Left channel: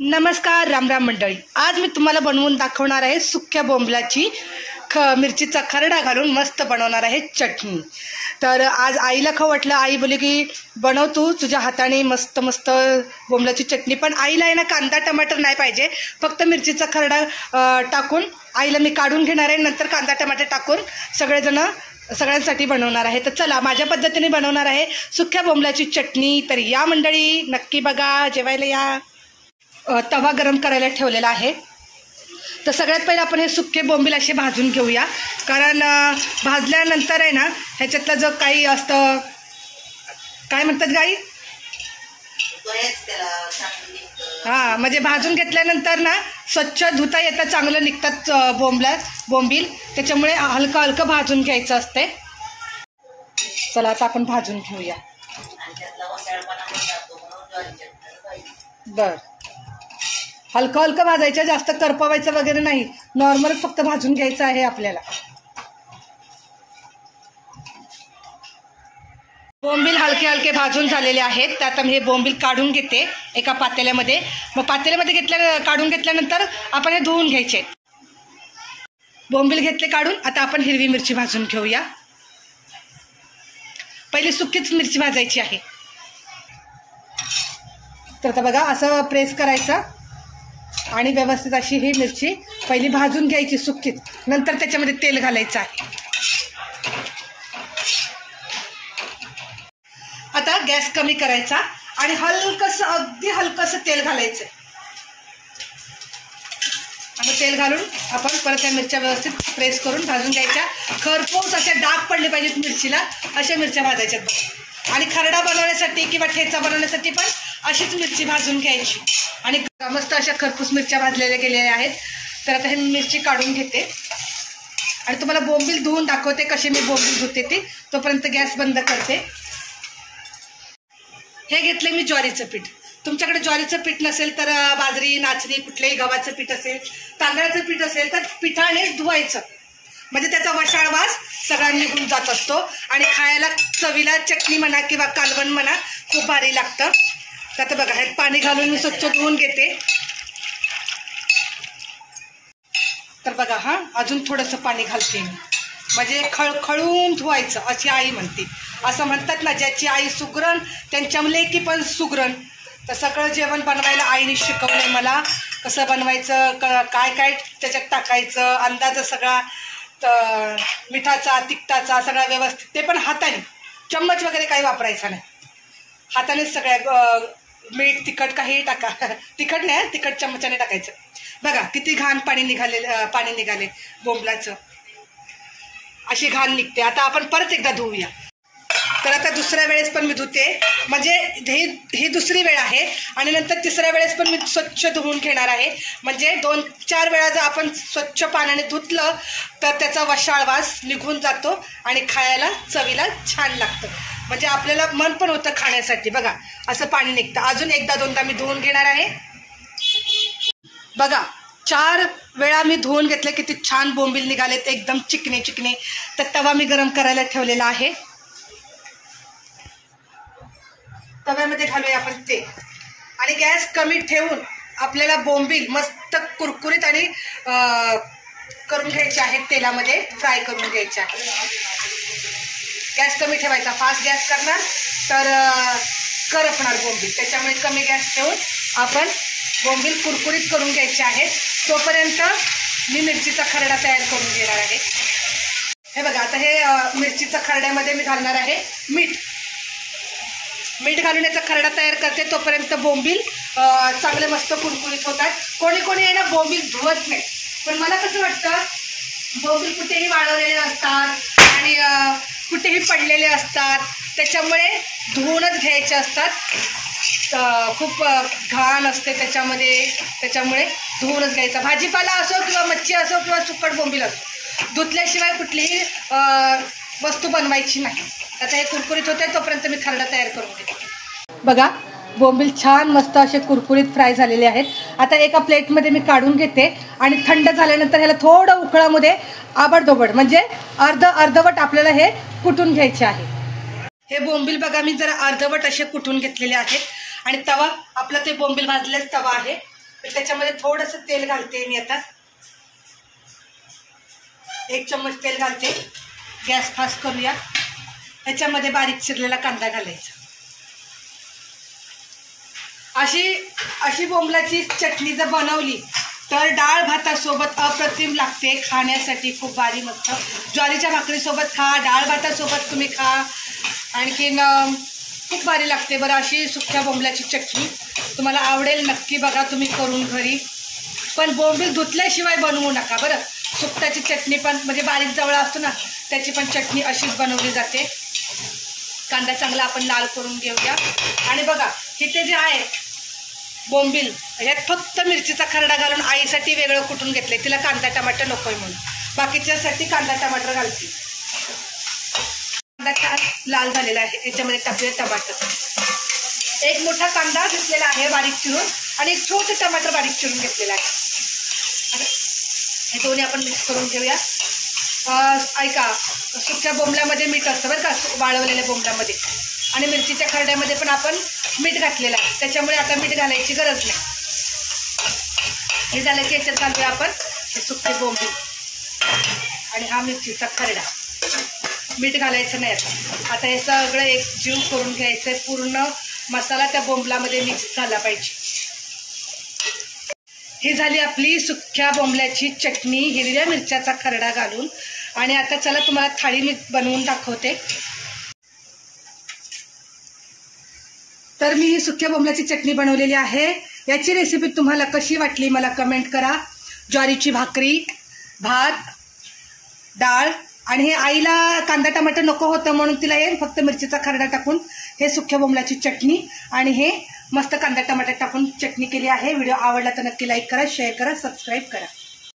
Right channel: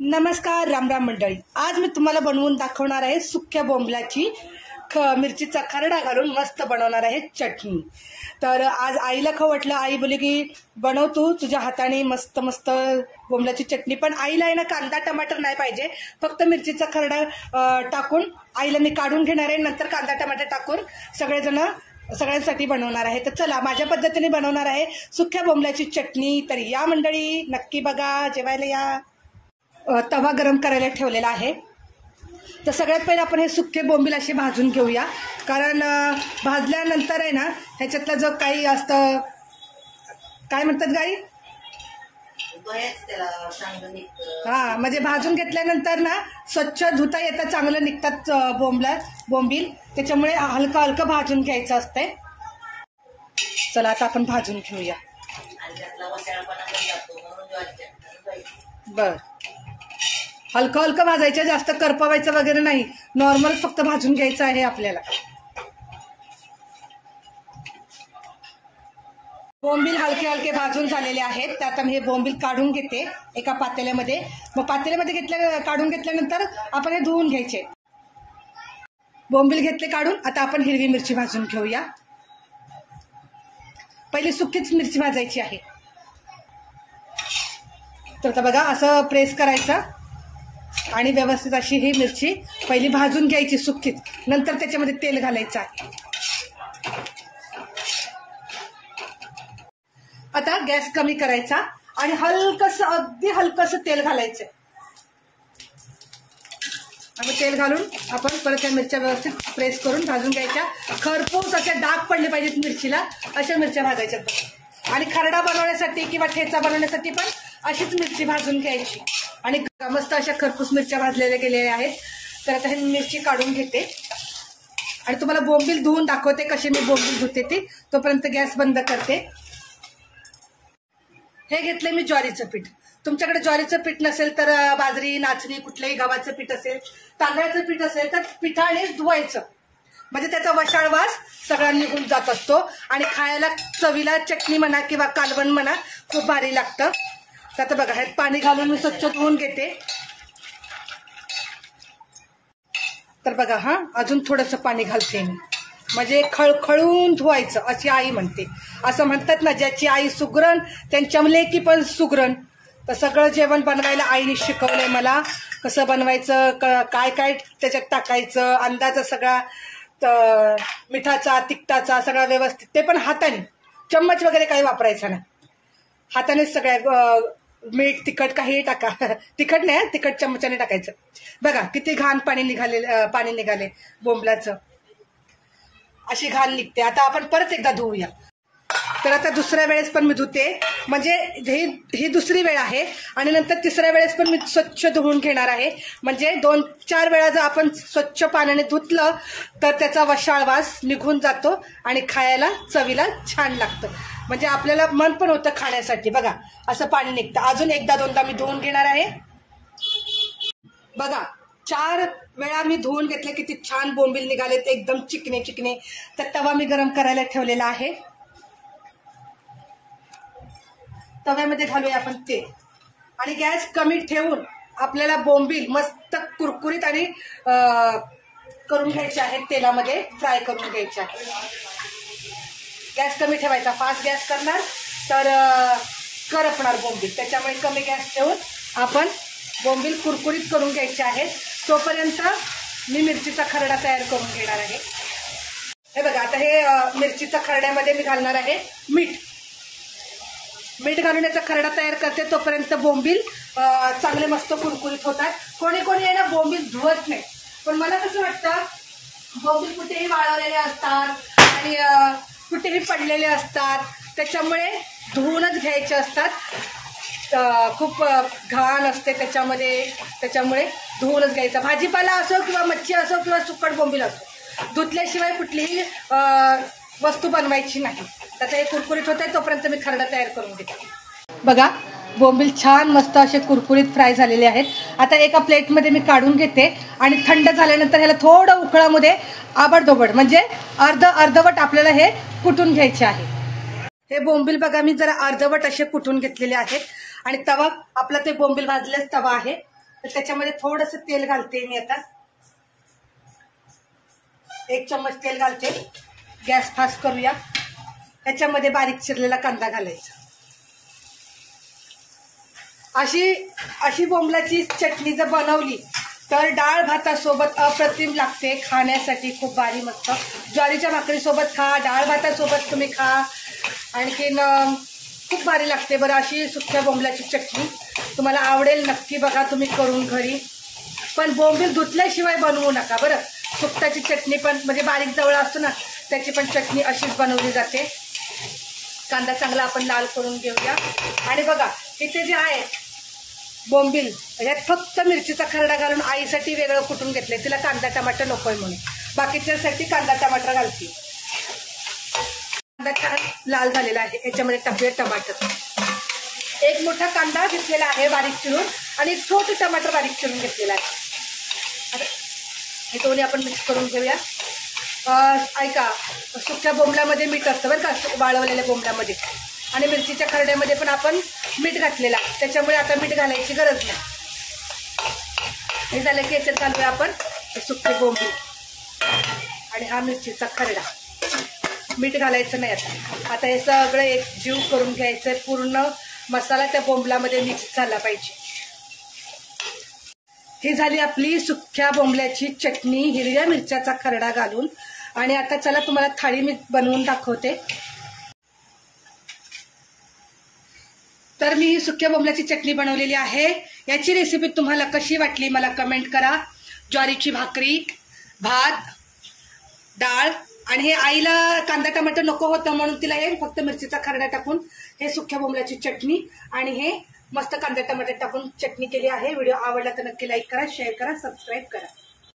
नमस्कार राम राम मंडळी। आज मी तुम्हाला बनवून दाखवणार आहे सुक्या बोंबलाची मिरचीचा खरडा घालून मस्त बनवणार आहे चटणी। तर आज आईला खवटलं, आई बोली की बनव तू तुझ्या हाताने मस्त मस्त बोंबलाची चटणी। पण आईला आहे ना कांदा टमाटर नाही पाहिजे, फक्त मिरचीचा खरडा टाकून आईला मी काढून घेणार आहे, नंतर कांदा टमाटर टाकून सगळ्यांसाठी बनवणार आहे। तर चला माझ्या पद्धतीने बनवणार आहे सुक्या बोंबलाची चटणी। तर या मंडळी नक्की बघा, जेवायला या। तवा गरम करायला ठेवलेला आहे। तर सगळ्यात पहिले आपण हे सुके बोंबील असे भाजून घेऊया, कारण भाजल्यानंतर आहे ना ह्याच्यातलं जो काही असतं, काय म्हणतात गाई, हां म्हणजे भाजून घेतल्यानंतर ना स्वच्छ धुता येतं, चांगलं निघतात बोंबील, त्याच्यामुळे हलकं हलकं भाजून घ्यायचं असते। चला आता आपण भाजून घेऊया। बर, हलकं हलकं भाजायचं, जास्त करपवायचं वगैरे नाही, नॉर्मल फक्त भाजून घ्यायचं आहे आपल्याला। बोंबील हलके हलके भाजून झालेले आहेत। तर आता मी हे बोंबील काढून घेते एका पातेल्यामध्ये। मग पातेल्यामध्ये काढून घेतल्यानंतर आपण हे धुवून घ्यायचे। बोंबील घेतले काढून, आता आपण हिरवी मिरची भाजून घेऊया। पहिली सुकीच मिरची भाजायची आहे। तर आता बघा असं प्रेस करायचं आणि व्यवस्थित अशी ही मिरची पहिली भाजून घ्यायची सुकीच, नंतर त्याच्यामध्ये तेल घालायचं आहे। आता गॅस कमी करायचा आणि हलकंसं, अगदी हलकंसं तेल घालायचं। आता तेल घालून आपण परत या मिरच्या व्यवस्थित प्रेस करून भाजून घ्यायच्या। खरपूस अशा डाग पडले पाहिजेत मिरचीला, अशा मिरच्या भाजायच्यात। आणि खरडा बनवण्यासाठी किंवा ठेचा बनवण्यासाठी पण अशीच मिरची भाजून घ्यायची। आणि मस्त अशा खरपूस मिरच्या भाजलेल्या गेलेल्या आहेत। तर आता हे मिरची काढून घेते आणि तुम्हाला बोंबील धुवून दाखवते कशी मी बोंबील धुते ती। तोपर्यंत गॅस बंद करते। हे घेतले मी ज्वारीचं पीठ। तुमच्याकडे ज्वारीचं पीठ नसेल तर बाजरी, नाचणी, कुठल्याही गव्हाचं पीठ असेल, तांदळाचं पीठ असेल तर पिठाने धुवायचं, म्हणजे त्याचा वशाळ वास सगळा निघून जात असतो आणि खायला चवीला चटणी म्हणा किंवा कालवण म्हणा खूप भारी लागतं। तर आता बघा ह्यात पाणी घालून मी स्वच्छ धुवून घेते। तर बघा हां, अजून थोडंसं पाणी घालते मी, म्हणजे खळखळून धुवायचं अशी आई म्हणते। असं म्हणतात ना, ज्याची आई सुगरण त्यांच्या लेकी पण सुगरण। तर सगळं जेवण बनवायला आईने शिकवलंय मला, कसं बनवायचं, काय काय त्याच्यात टाकायचं, अंदाज सगळा, मिठाचा तिखटाचा सगळा व्यवस्थित, ते पण हाताने, चम्मच वगैरे काही वापरायचा नाही, हातानेच सगळ्या, मीठ तिखट काही टाका, तिखट नाही, तिखट चम्मचाने टाकायचं। बघा किती घाण पाणी निघाले बोंबलाचं, अशी घाण निघते। आता आपण परत एकदा धुवूया। तर आता दुसऱ्या वेळेस पण मी धुते, म्हणजे ही दुसरी वेळ आहे आणि नंतर तिसऱ्या वेळेस पण मी स्वच्छ धुवून घेणार आहे। म्हणजे 2-4 वेळा जर आपण स्वच्छ पाण्याने धुतलं तर त्याचा वशाळ वास निघून जातो आणि खायला चवीला छान लागतं, म्हणजे आपल्याला मन पण होतं खाण्यासाठी। बघा असं पाणी निघतं। अजून एकदा दोनदा मी धुवून घेणार आहे। बघा 4 वेळा मी धुवून घेतले, किती छान बोंबील निघालेत, एकदम चिकने चिकने। तर तवा मी गरम करायला ठेवलेला आहे। तव्यामध्ये घालूया आपण तेल आणि गॅस कमी ठेवून आपल्याला बोंबील मस्त कुरकुरीत आणि करून घ्यायचे आहेत, तेलामध्ये फ्राय करून घ्यायचे आहे। गॅस कमी ठेवायचा, फास्ट गॅस करणार तर करपणार बोंबील, त्याच्यामुळे कमी गॅस ठेवून आपण बोंबील कुरकुरीत करून घ्यायचे आहेत। तोपर्यंत मी मिरचीचा खरडा तयार करून घेणार आहे। हे बघा आता हे मिरचीचा खरड्यामध्ये मी घालणार आहे मीठ घालून याचा खरडा तयार करते। तोपर्यंत बोंबील चांगले मस्त कुरकुरीत होतात। कोणी आहे ना बोंबील धुवत नाही, पण मला कसं वाटतं बोंबील कुठेही वाळवलेले असतात आणि कुठेही पडलेले असतात, त्याच्यामुळे धुवूनच घ्यायचे असतात। खूप घाण असते त्याच्यामुळे धुवूनच घ्यायचा। भाजीपाला असो किंवा मच्छी असो किंवा सुकट बोंबील असो, धुतल्याशिवाय कुठलीही वस्तू बनवायची नाही। आता हे कुरकुरीत होते, तोपर्यंत मी खरडा तयार करून घेते। बघा बोंबील छान मस्त असे कुरकुरीत फ्राय झालेले आहेत। आता एका प्लेटमध्ये मी काढून घेते आणि थंड झाल्यानंतर ह्याला थोडं उकळामध्ये आबडधोबड, म्हणजे अर्धवट आपल्याला हे कुटून घ्यायचे आहे। हे बोंबील बघा मी जरा अर्धवट असे कुटून घेतलेले आहेत आणि तवा आपला ते बोंबील भाजलेला तवा आहे तर त्याच्यामध्ये थोडंसं तेल घालते मी आता. 1 चम्मच तेल घालते. गॅस फास्ट करूया. त्याच्यामध्ये बारीक चिरलेला कांदा घालायचा. अशी बोंबलाची चटणी जर बनवली तर डाळ भातासोबत अप्रतिम लागते. खाण्यासाठी खूप भारी मस्त. ज्वारीच्या भाकरीसोबत खा, डाळ भातासोबत तुम्ही खा, आणखीन खूप भारी लागते बरं. अशी सुक्या बोंबलाची चटणी तुम्हाला आवडेल, नक्की बघा तुम्ही करून घरी. पण बोंबील धुतल्याशिवाय बनवू नका बरं. सुकटाची चटणी पण म्हणजे बारीक जवळ असतो ना, त्याची पण चटणी अशीच बनवली जाते. कांदा चांगला आपण लाल करून घेऊया. आणि बघा इथे जे आहे बोंबील, ह्यात फक्त मिरचीचा खरडा घालून आईसाठी वेगळं कुटून घेतले. तिला कांदा टमाटर नकोय म्हणून, बाकीच्यासाठी कांदा टमाटर घालते. कांदा लाल झालेला आहे. याच्यामध्ये टाकूया टमाटर. 1 मोठा कांदा घेतलेला आहे बारीक चिरून, आणि 1 छोटे टमाटर बारीक चिरून घेतलेला आहे. हे दोन्ही आपण मिक्स करून घेऊया. ऐका, सुक्या बोंबल्यामध्ये मीठ असतं बरं का, वाळवलेल्या बोंबल्यामध्ये. आणि मिरचीच्या खरड्यामध्ये पण आपण मीठ घातलेलं, त्याच्यामुळे आता मीठ घालायची गरज नाही. हे झालं की याच्यात घालूया आपण हे सुके बोंबील आणि हा मिरचीचा खरडा. मीठ घालायचं नाही आता हे सगळं एक जीव करून घ्यायचं. पूर्ण मसाला त्या बोंबलामध्ये मिक्स झाला पाहिजे. ही झाली आपली सुक्या बोंबल्याची चटणी हिरव्या मिरच्याचा खरडा घालून. आणि आता चला तुम्हाला थाळी मी बनवून दाखवते. तर मी ही सुक्या बोंबल्याची चटणी बनवलेली आहे. याची रेसिपी तुम्हाला कशी वाटली मला कमेंट करा. ज्वारीची भाकरी, भात, डाळ, आणि हे आईला कांदा टमाटर नको होतं म्हणून तिला हे फक्त मिरचीचा खरडा टाकून हे सुक्या बोंबल्याची चटणी आणि हे मस्त कांदा टमाटर टाकून चटणी केली आहे. व्हिडिओ आवडला तर नक्की लाईक करा, शेअर करा, सबस्क्राईब करा.